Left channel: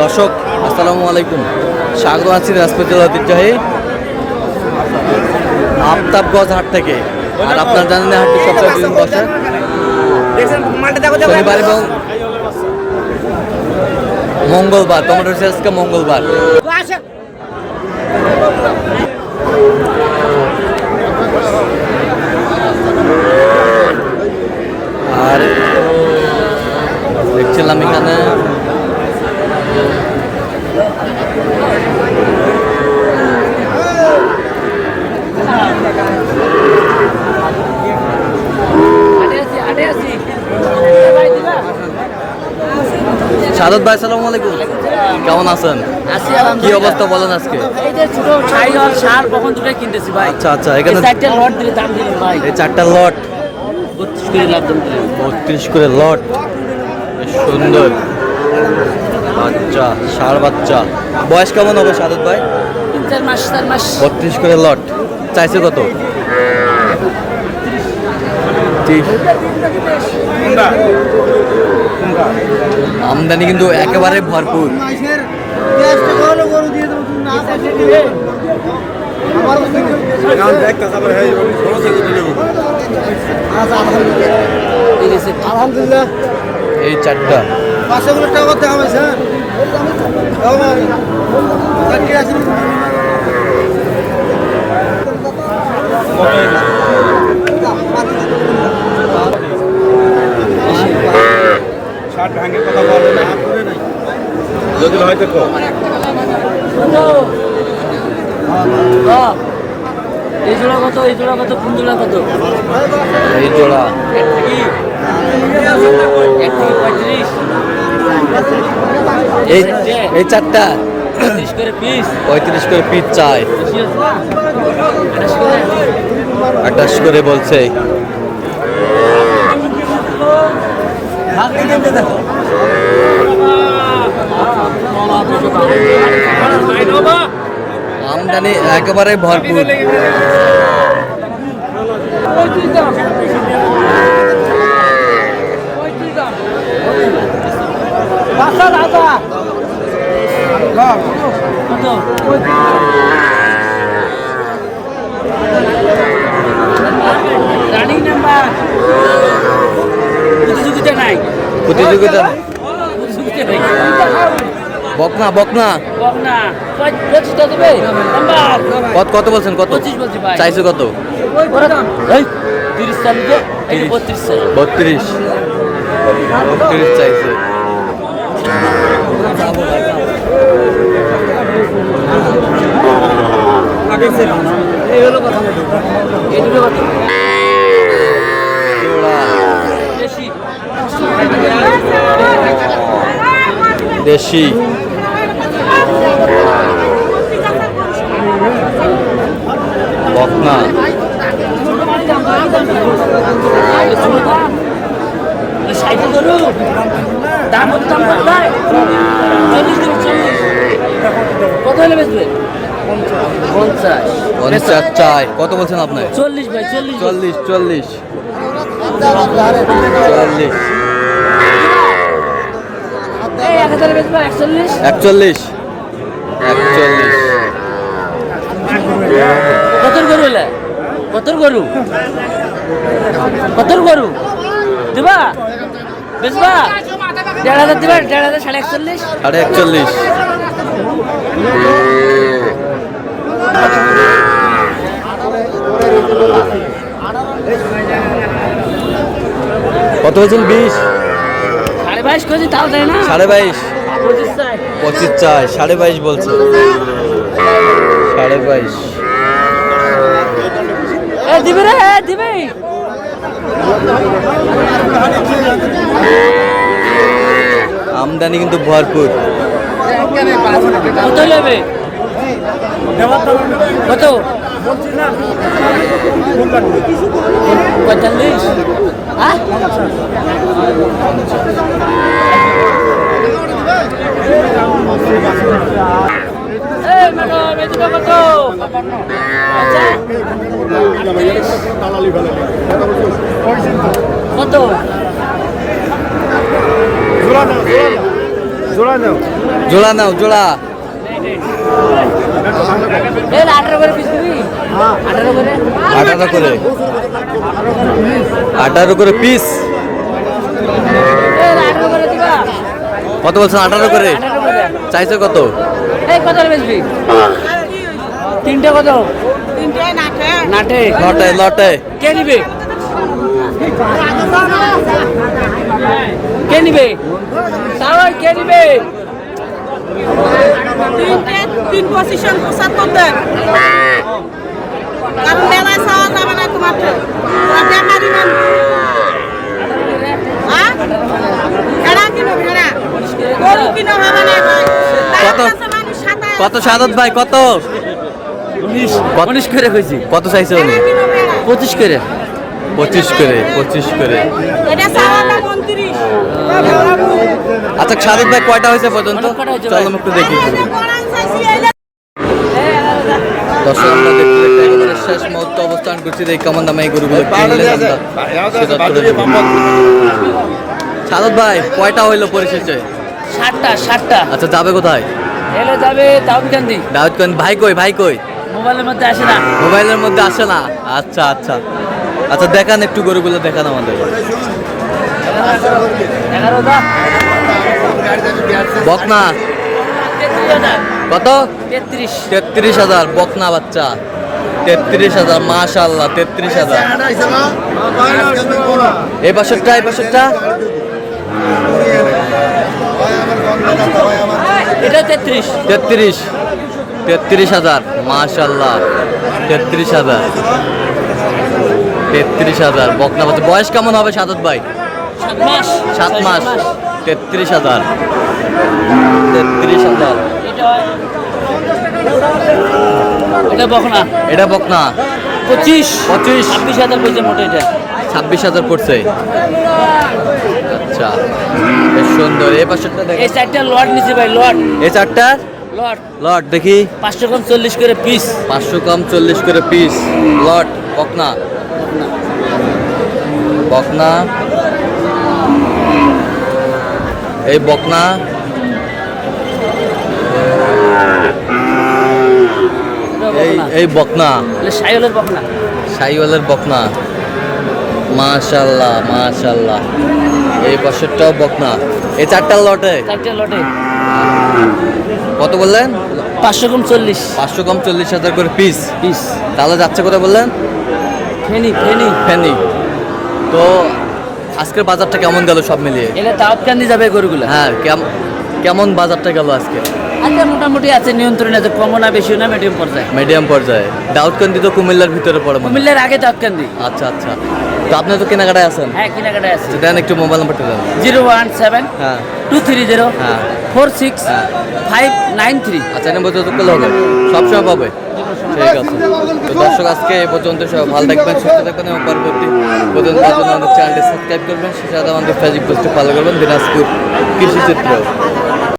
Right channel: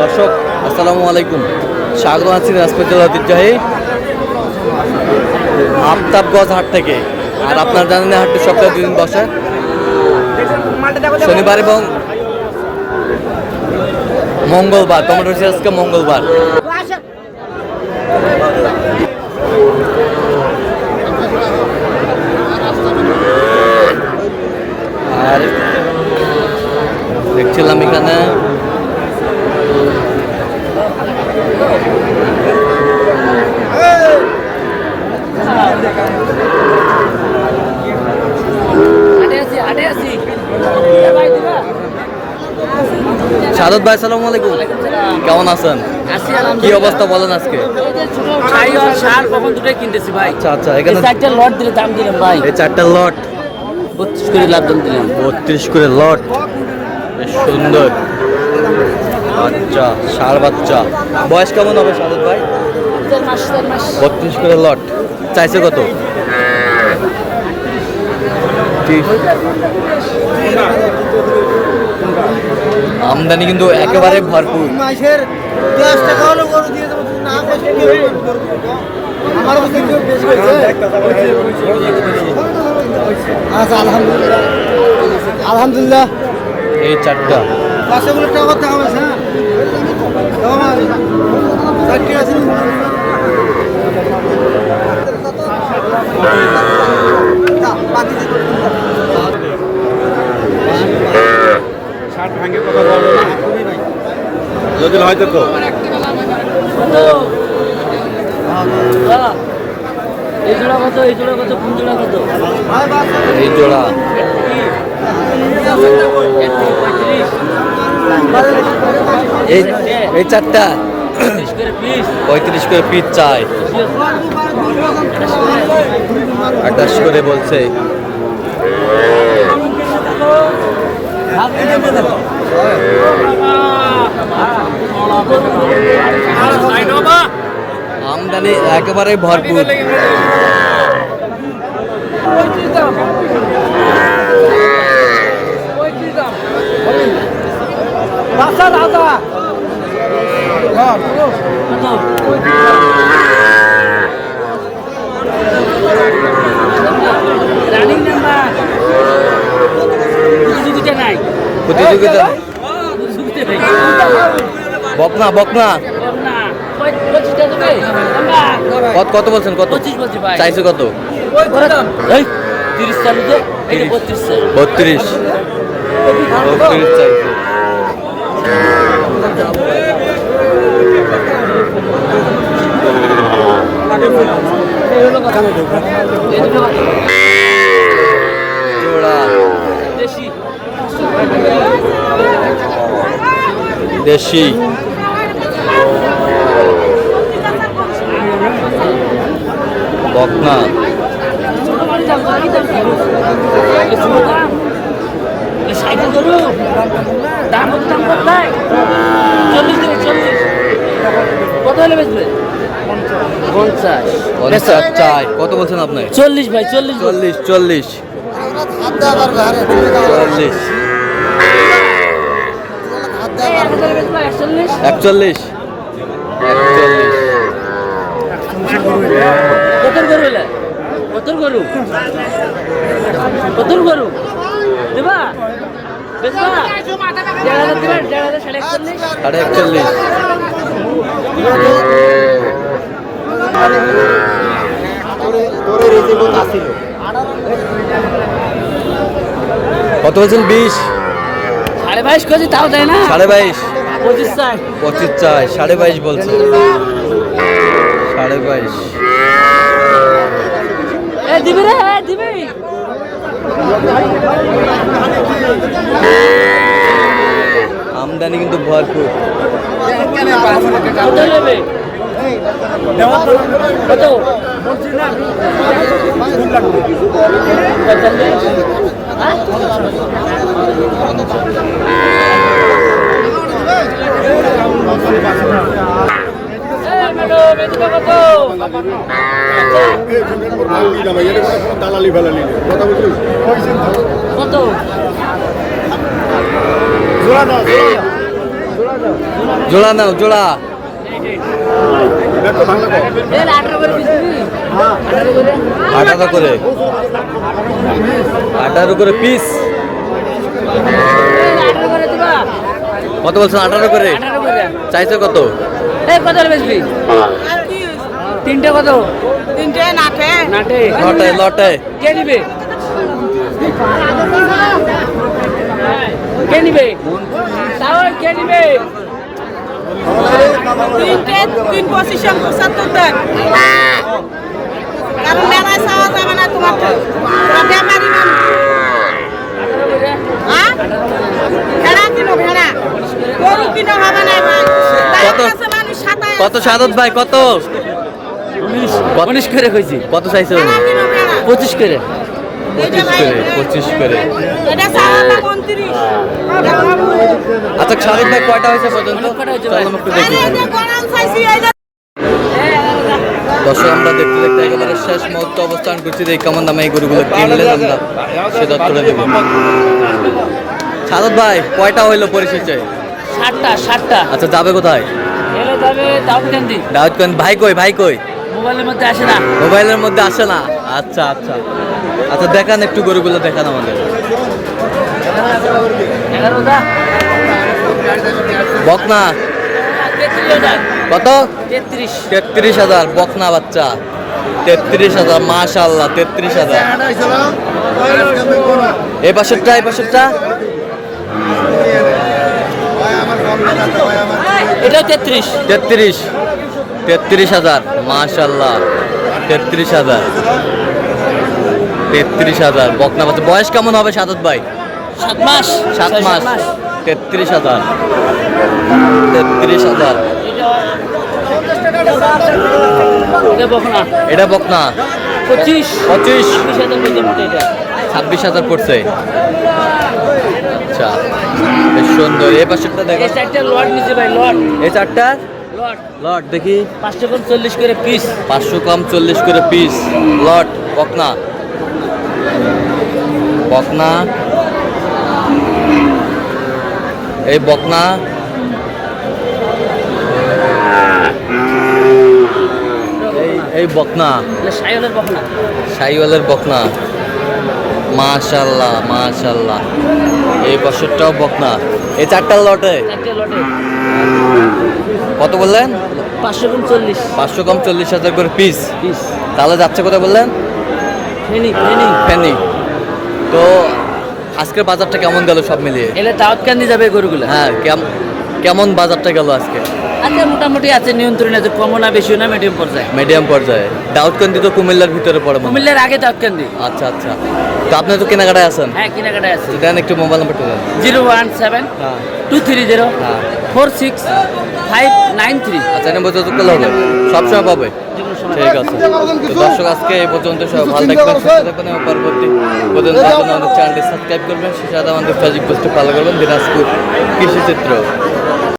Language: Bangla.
দর্শক আসসালামু আলাইকুম, স্বাগত আছি দিনাজপুর জেলার ঐতিহ্যবাহী আফতাবগঞ্জ হাট থেকে। আর আপনারা জানেন হাটটি সপ্তাহে দুদিন বসে, শনিবার এবং মঙ্গলবার। টমেটো আজকে মঙ্গলবার। আর দেখছিলাম এখানে সাদত ভাই, আসসালামু আলাইকুম, কেমন আছেন? কি অবস্থা বলেন আজকে? আচ্ছা আচ্ছা, এখানে 4টা লট দিলে দাম দিলেন ভাই। এই 4টা লট 32 করে লাভ দাম দিলেন। 32 করে লট, বেশ সুন্দর বাচ্চা, ষাঁড় বাচ্চা। বয়স কেমন হবে সাদত ভাই? 4 মাস 4 মাস। 32 করে লট। চাইছে কত? আমদানি কিন্তু একেবারে ভরপুর। আলহামদুলিল্লাহ এই 4টা যদি হয়তো এই জোড়া এই 4টা 35 করে পিস চাই, 28 করে বলছে। আমদানি একেবারে ভরপুর। রানিং নাম্বার প্রতিযোগিতা নাই, প্রতিযোগিতা বকনা বকনা কত বলছেন? কত চাইছে? কত? 30 চালু যে 32 চাইছে। জোড়া দেশি বকনা। দাম কত ভাই? 40 দেবে, 40 কত হলে বেচবে? 50 চাই। কত বলছেন আপনি? 40 ভাই, 40 40 41 কত গরু দিবা? বেচবা? 1,500 দিবা? 1,500 41. 41 কত বলছেন? 20 22.5 কেজি তাও দেয় না। 22.5 25 চাই। 25 চাই, 22.5 বলছে। 22.5 দিবে রে, দিবে। আমদানি কিন্তু ভরপুর। কত নেবে? কত? জোড়া নাও জোড়া। এই না, 18 করে পিস দিবি? 18 করে? 18 করে, 18 করে পিস। এই না, 18 করে দিবা? কত বলছেন? 18 করে 18 করে। চাইছে কত? এই কত হলে বেচবি? তিনটে কত? নাটে। লটে লটে। কে নিবে? কে নিবে? তাহলে কে নিবে? 3 পজিশন 75 দেন, কারণ মেলায় চাওয়া যাবে না তোমাকে, ব্যাপারই মানুষ। হ্যাঁ, ভেড়া কিনো, ভেড়া গরু কিনো হবে না ভাই। কত? মানুষ সাতায় কত সাদত ভাই কত? 19 করে কইছি। কত চাইছে উনি? ভেড়া কিনো, ভেড়া। 25 করে। 25 করে, 25 করে। এটা চাওয়াটা 29। আচ্ছা সাদত ভাই কয়টা হয়েছে পর্যন্ত? কয়টা হয়েছে ভাই? চলো একটু দেখি। এই যে গরম চাইছি, এই যে দর্শক আমরা দেখতে দেখতে একেবারে শেষ মুহূর্তে অবস্থান করছি। এই কেমন দামে এই গরুগুলো কিনলেন আমরা সেটা করে দেবো। সাদত ভাই কয়টা হইলো পরিশেষে? 60টা। আচ্ছা যাবে কোথায়? এলে যাবে দাউদকান্দি। দাউদকান্দি। ভাই কই? ভাই কই? মোবাইলের মধ্যে আসে না। মোবাইলের মধ্যে আসে না। আচ্ছা আচ্ছা আচ্ছা দেখান একটু গরুগুলো দেখান আমাদের। 11টা। বকনা 33,000। কত? 33। 33,000 বকনা বাচ্চা। 33,000 মাশাআল্লাহ 33,000। এই পাশেরটা এই পাশেরটা এটা 33। 33,000 মাশাআল্লাহ 33,000 33,000 বকনা বাচ্চা। বয়স কেমন হবে সাদত ভাই? 7 মাস। 7 মাস। 33,000 33,000। এটা বকনা। এটা বকনা 25। 25 26,000 কইছে মোটে এটা। 26,000 পড়ছে। আচ্ছা বেশ সুন্দর। এই পাশেরটা এই দেখেন। চারটা লট নিচে ভাই, লট। এই চারটা লট লট দেখি। 500 কম 40 করে পিস। 500 কম 40 করে পিস। লট বকনা বকনা। এই বকনা এই বকনা এটা সাইলো বকনা। শাহিওয়ালের বকনা মাশাআল্লাহ মাশাআল্লাহ। এই বছরটাও বকনা। এই চারটা লটে চারটে লটে কত বললেন? 500 কম 40 500 কম 40,000 করে পিস। পিস। তাহলে যাচ্ছে কোথায় বললেন? ফেনি। ফেনি। তো আজকের বাজারটা কেমন গেল সব মিলিয়ে? এলে দাউদকান্দি যাবে গরুগুলো। হ্যাঁ কেমন বাজারটা গেল আজকে? আচ্ছা মোটামুটি আছে নিয়ন্ত্রণে, আছে, কমও না বেশিও না, মিডিয়াম পর্যায়ে। মিডিয়াম পর্যায়ে। দাউদকান্দি তো কুমিল্লার ভিতরে পড়ে মনে হয়। কুমিল্লার আগে দাউদকান্দি। আচ্ছা আচ্ছা। তো আপনি তো কেনাকাটায় আছেন? হ্যাঁ কেনাকাটায় আছে। তো দেন একটু মোবাইল নাম্বারটা দেন। 017 হ্যাঁ 230 হ্যাঁ 46 হ্যাঁ। 593। আচ্ছা এনে যোগাযোগ করলে হবে? সবসময় পাবে? ঠিক আছে। তো দর্শক আজকে এই পর্যন্ত। সবাই ভালো থাকবেন, সুস্থ থাকবেন এবং পরবর্তী পর্যন্ত আমাদের চ্যানেলটি সাবস্ক্রাইব করবেন। সেটা আমাদের ফেসবুক পোস্টে ফলো করবেন। দিনাজপুর কৃষি চিত্র।